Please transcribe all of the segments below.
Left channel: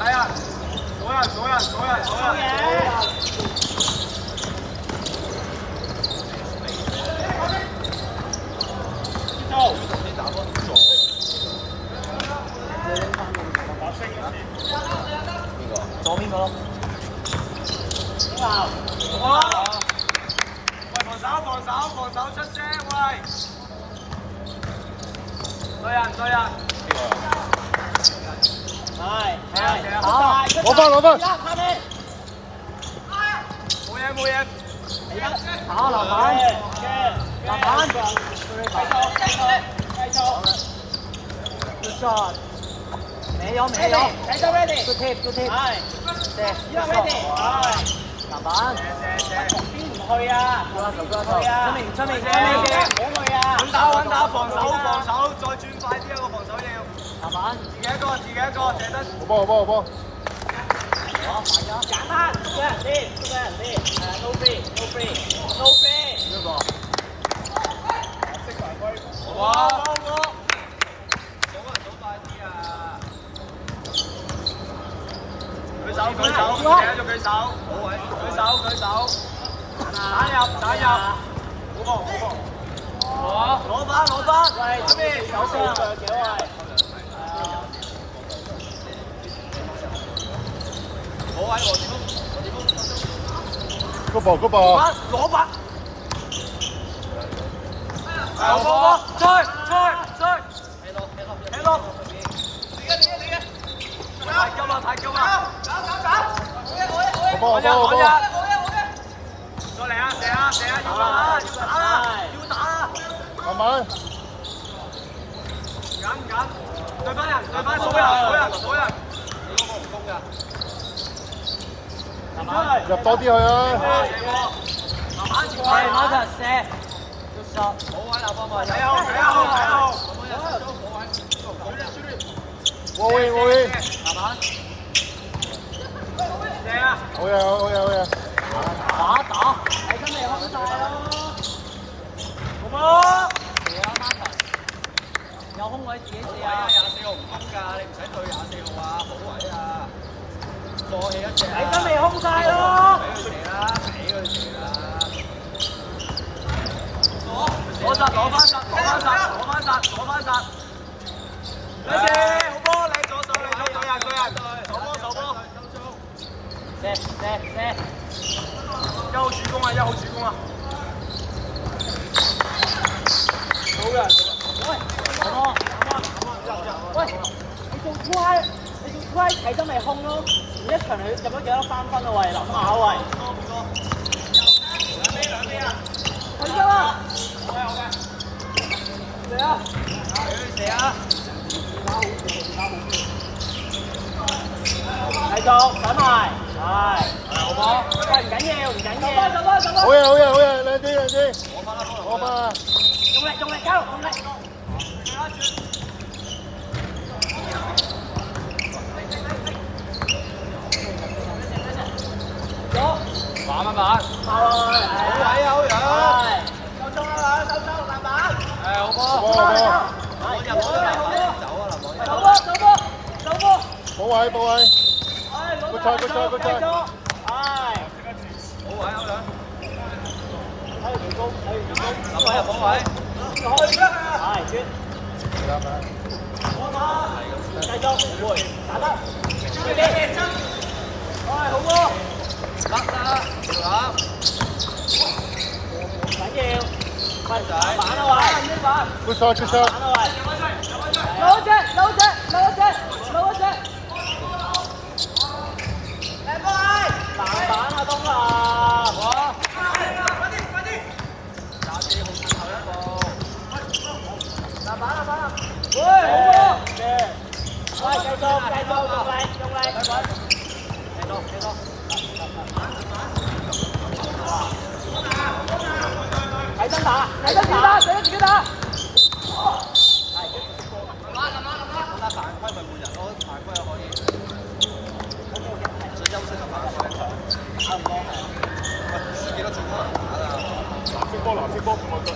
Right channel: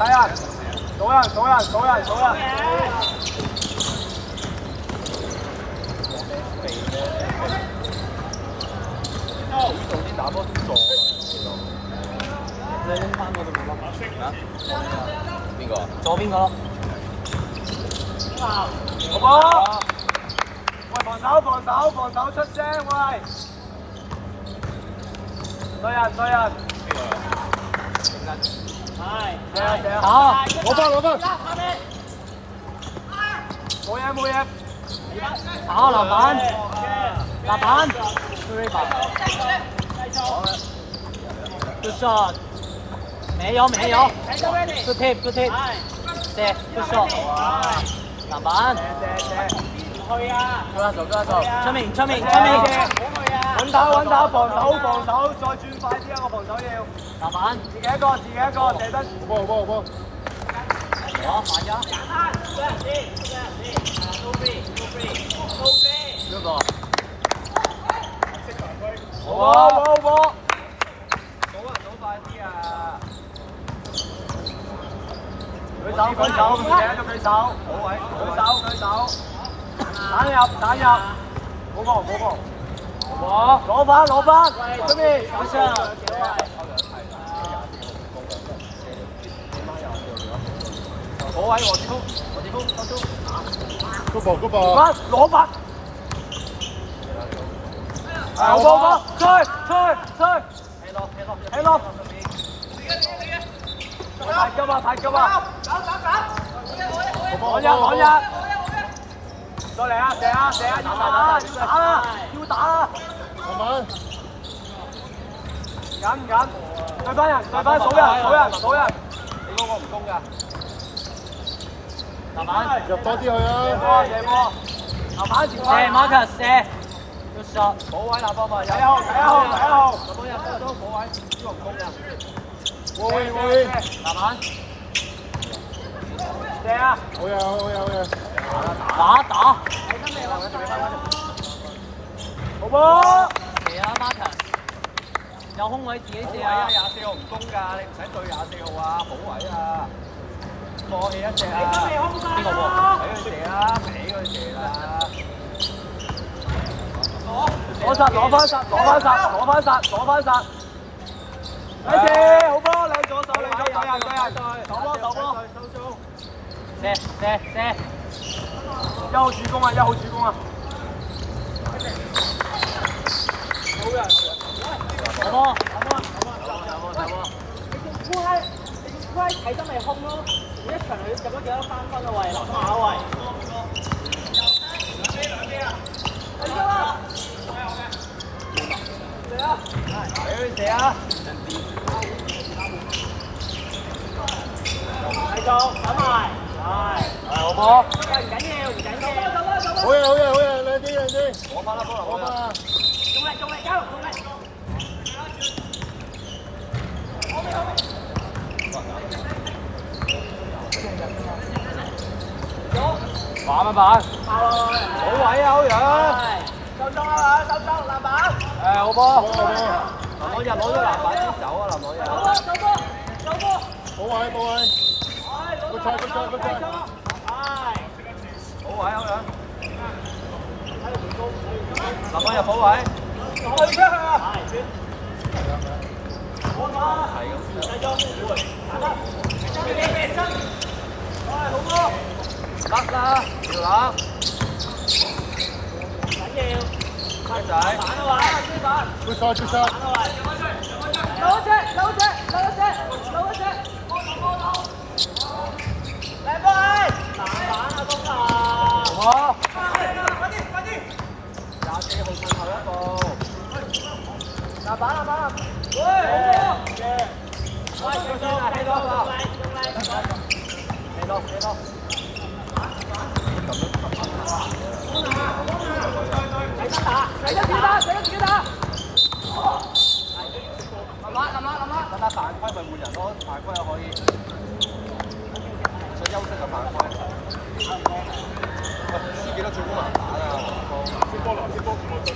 睇人，數人，數人，數人，數人。邊個？左邊個？好冇？喂，防守，防守，防守出聲喂！對人，對人。邊個？係。射啊射啊！攞分攞分。冇嘢冇嘢。打籃板。籃板。Good shot。沒有沒有。Good tip good tip。射。Good shot。籃板。射射。去啊！出面出面出射面。穩打穩打，防守防守，再轉快啲啊個防守要。籃板。自己一個自己一個，射得。好波好波。好，反將。好冇冇。舉手舉手，唔記得咗舉手。舉手舉手。鏟入鏟入。冇波冇波。攞翻攞翻，出面。個波個波。攞翻。好波，吹吹吹。起落。太急啊太急啊！趕日趕日。再嚟啊！射啊射啊！要打要打啦！要打啦！慢慢。緊緊，對翻人對翻數人數人數人。入多啲去啊！射波射波，籃板前揮。射 Marcus 射。睇一號睇一號睇一號。喂喂。籃板。射啊！好嘢好嘢好嘢。打。好波！射啊 Marcus。有空位自己射啊！24號唔攻㗎，你唔使對24號啊，好位啊！過氣一射。你都未空晒咯！射啊！俾佢射啦！攞殺攞翻殺攞翻殺攞翻殺攞翻殺。有射好波，靚左手靚左對人對人，手波手波。射！一號主攻啊！一號主攻啊！喂，你做烏閪，睇真係空咯！一場你入咗幾多3分啊？喂，諗下喂。兩邊啊！去咗啦！好嘅。嚟啊！射啊！繼續等埋，係，好波。喂，唔緊要，唔緊要。好嘢好嘢好嘢，兩支。攞翻啦！用力，加油，用力！板。好位啊，好樣。好波。我入咗籃板，走啊籃板。走波。好位。good job。係。好位。籃板入好位。係轉。我打。繼續回，打得。好波。得啦，打。唔緊要，快仔。打啊喂。good shot。有隻。藍色波，我進。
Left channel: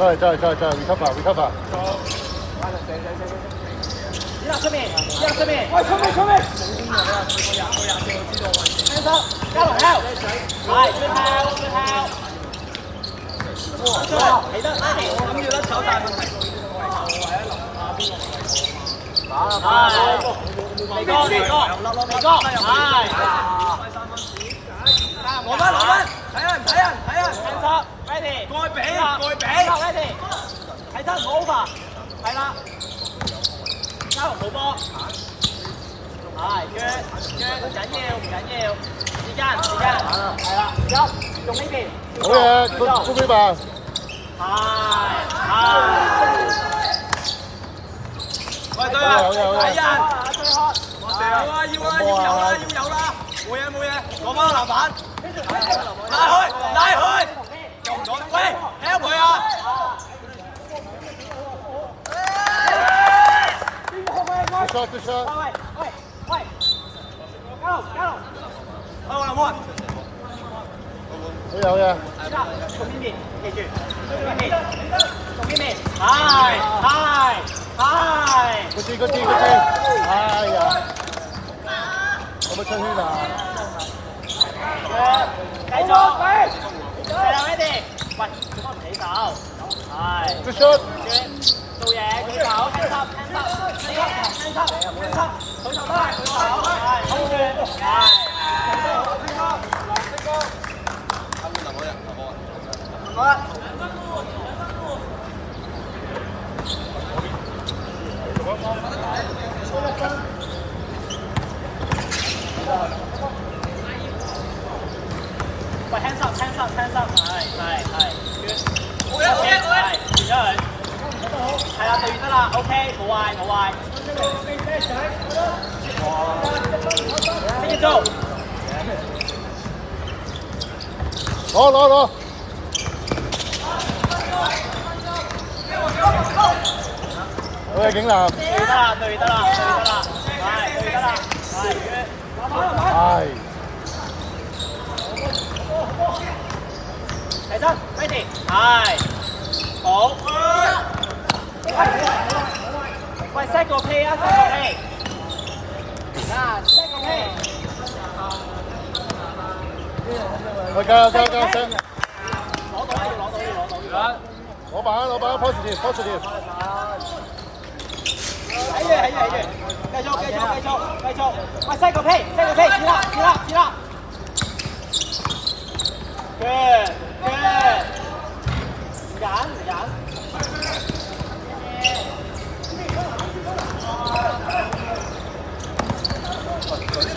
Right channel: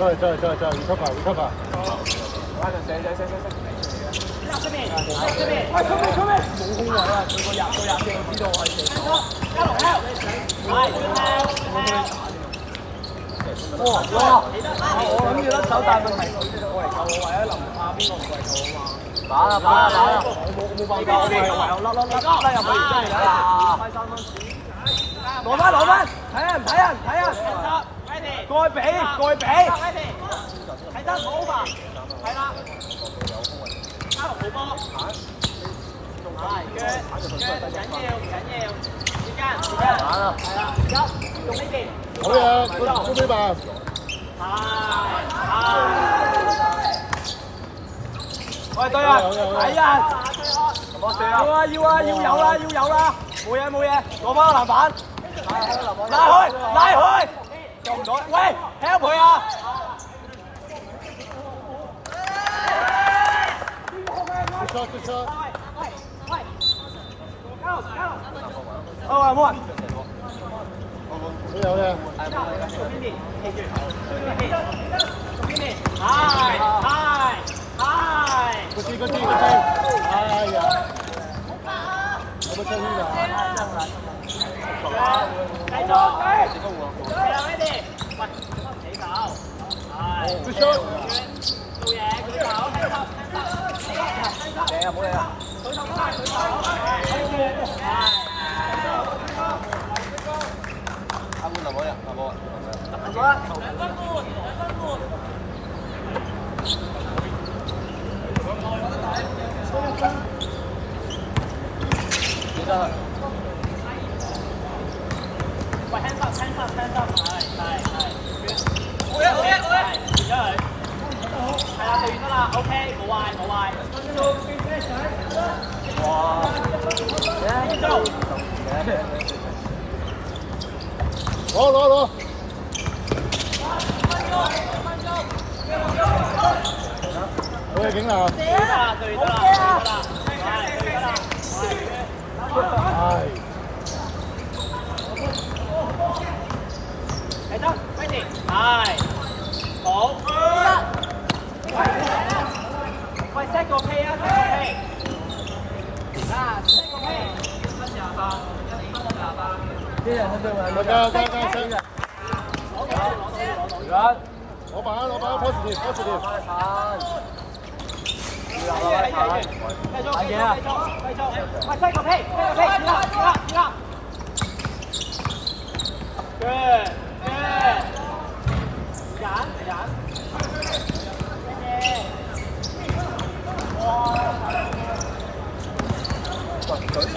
recover。出面，出面，喂，出面。交流 help， 係，起得，我諗要得手，但係問題我係後衞啊，臨下邊個打啦，冇辦法，鼻哥，攞翻，睇啊，過去俾，睇得 over， 係啦，交流冇波。係，腳唔緊要，時間，係啦，用呢邊。好嘢，高飛吧。係。喂，對啊，睇人。我射啊！要有啦，冇嘢，攞翻個籃板。拉開，救唔到，喂 ，help 佢啊！Good shot。冇人。好嘢。從邊邊，記住，從邊邊，係。Good team。哎呀，有冇出圈啊？繼續，ready， 喂，起手，係。Good shot。做嘢，舉手，聽手，攞。好嘢，景南。對得啦。係。起身 ，ready， 係，好。喂 ，set 個 K 啊 ，set 個 K。大家聲。攞板 positive。睇住，繼續，喂 ，set 個 K， 前啦。Good， 揀。舉手。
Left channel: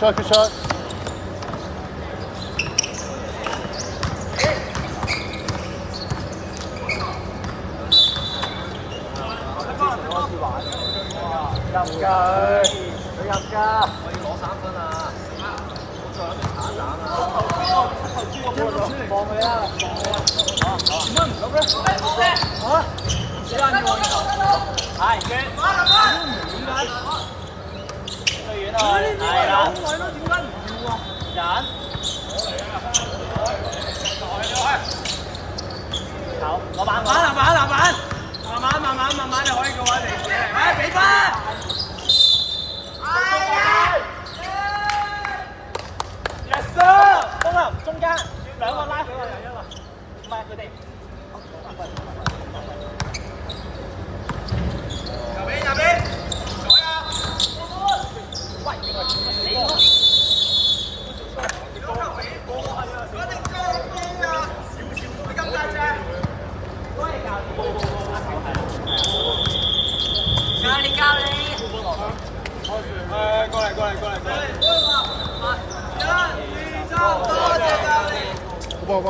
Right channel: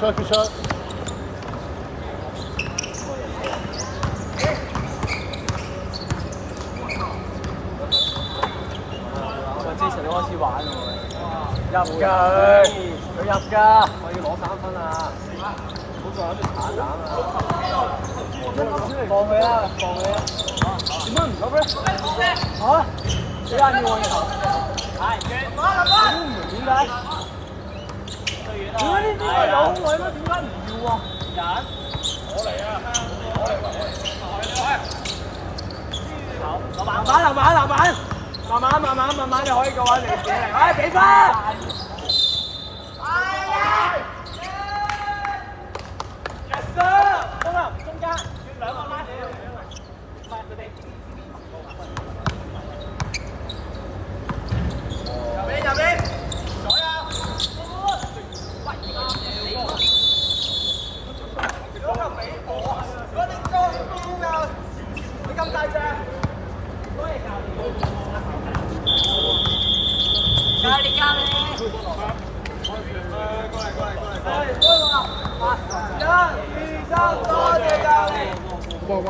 Good shot。入㗎，我要攞3分啊！過去啦，好，小眼要往入，係，點解？有位咯，點解唔要啊？人，籃板，慢慢你可以過嚟，哎，俾翻。Yes sir， 中間2個拉，唔係佢哋。右邊，左右。教練。過嚟。1、2、3，多謝教練。好。